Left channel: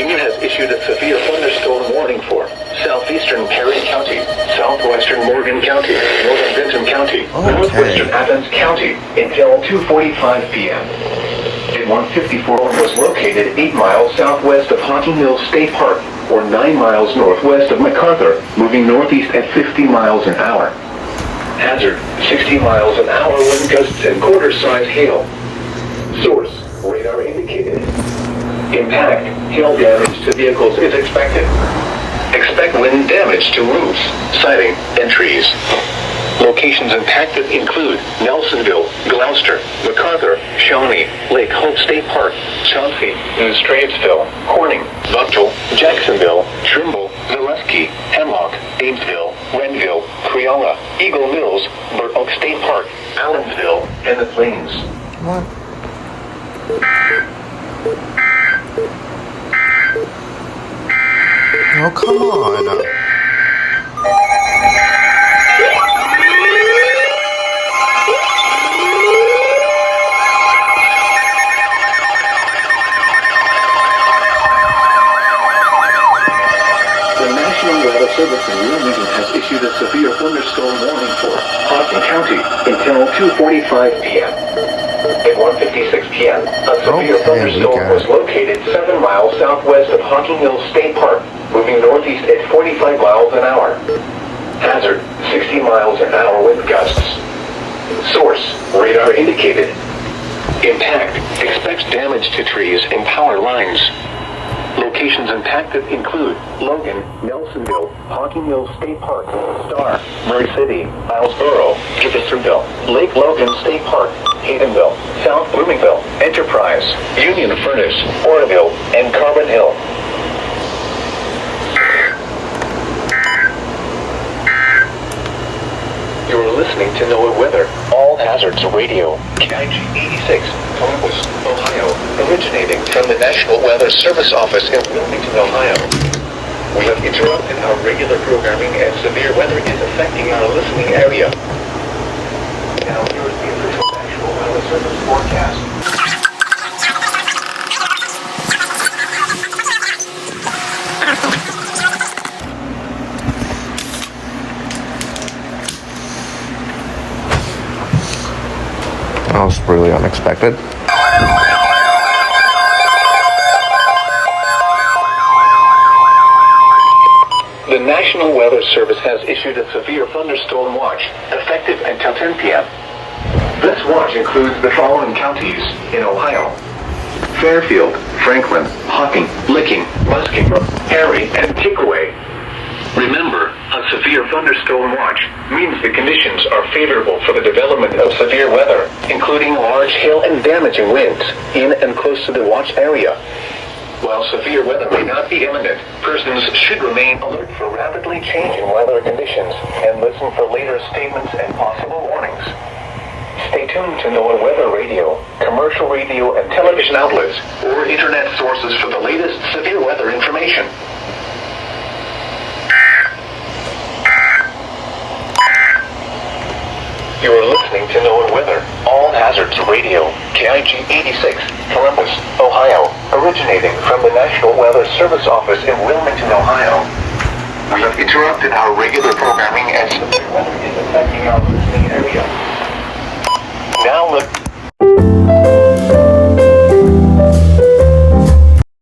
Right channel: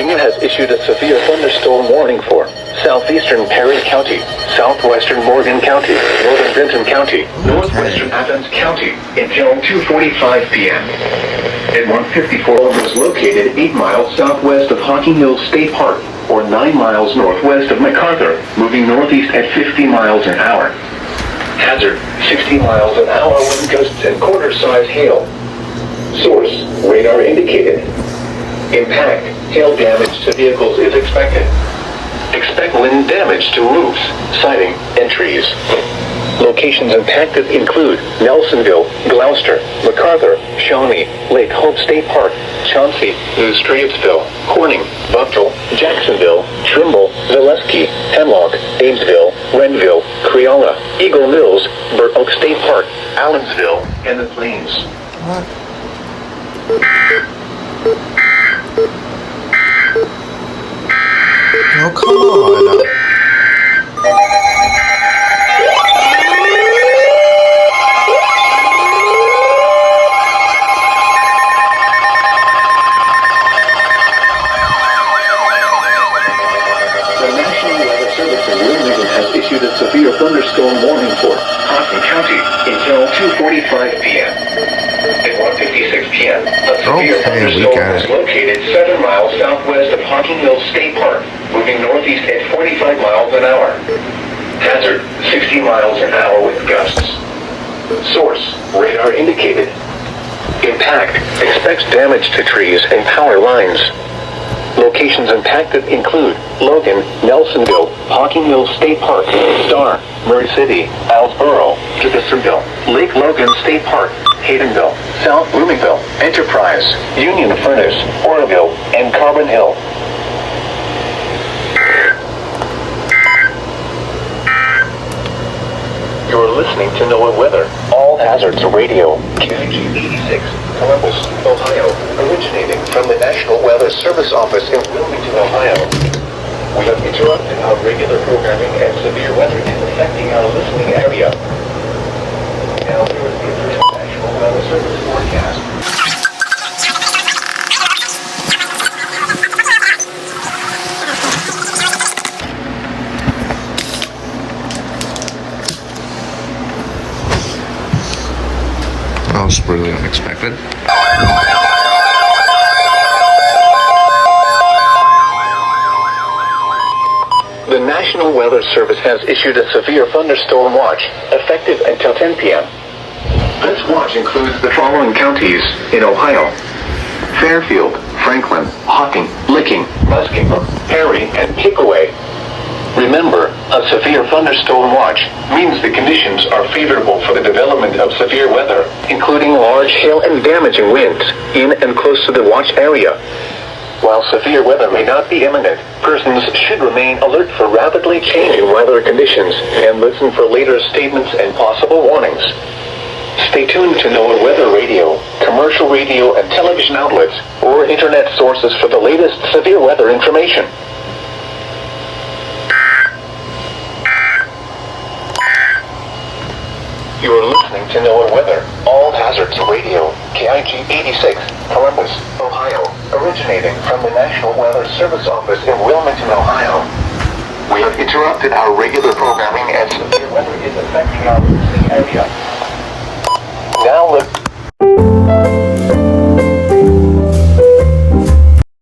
Virginia has issued a severe thunderstorm warning for southeastern Perry County, southwestern Morgan County, northern Benton County, northwestern Athens County until 2:45 p.m. At 154 was located 8 miles southwest of Hocking Mills State Park, or 9 miles northwest of MacArthur, moving northeast at 50 miles an hour. Hazard, 60 miles an hour wind gusts and quarter-size hail. Source, radar indicated. Impact, hail damage to vehicles is expected. Expect wind damage to roofs, siding, and trees. Locations impacted include Nelsonville, Gloucester, MacArthur, Shawnee, Lake Hope State Park, Chauncey, New Straitsville, Corning, Buckle, Jacksonville, Trimble, Zaleski, Hemlock, Amesville, Renville, Creola, Eagle Mills, Burnt Oak State Park, Allensville, and the Plains. What? Oh, come on. The National Weather Service in Wilmington has issued a severe thunderstorm warning for Hocking County until 2:45 p.m. At 1:56 p.m., a severe thunderstorm was located 7 miles southwest of Hocking Mills State Park, moving northeast at 45 miles an hour. Hazard, 60 miles an hour with gusts. Source, radar indicated. Impact, expects damage to trees and power lines. Locations impacted include Logan, Nelsonville, Hocking Mills State Park, Star, Murray City, Islesboro, Jeffersonville, Lake Logan State Park, Haydenville, South Bloomingville, Enterprise, Union Furnace, Orneville, and Carbon Hill. You're listening to NOAA Weather, All Hazards Radio, KIG 86, Columbus, Ohio, originating from the National Weather Service Office in Wilmington, Ohio. We have interrupted our regular programming and severe weather is affecting our listening area. Now here is the National Weather Service forecast. That was really unexpected. The National Weather Service has issued a severe thunderstorm watch, effective until 10 p.m. This watch includes the following counties in Ohio: Fairfield, Franklin, Hocking, Licking, Muskingum, Perry, and Pickaway. Remember, a severe thunderstorm watch means the conditions are favorable for the development of severe weather, including large hail and damaging winds in and close to the watch area. While severe weather may not be imminent, persons should remain alert for rapidly changing weather conditions and listen for later statements and possible warnings. Stay tuned to NOAA Weather Radio, commercial radio and television outlets, or internet sources for the latest severe weather information. You are listening to NOAA Weather, All Hazards Radio, KIG 86, Columbus, Ohio, originating from the National Weather Service Office in Wilmington, Ohio. We have interrupted our regular programming as severe weather is affecting our listening area. Now look.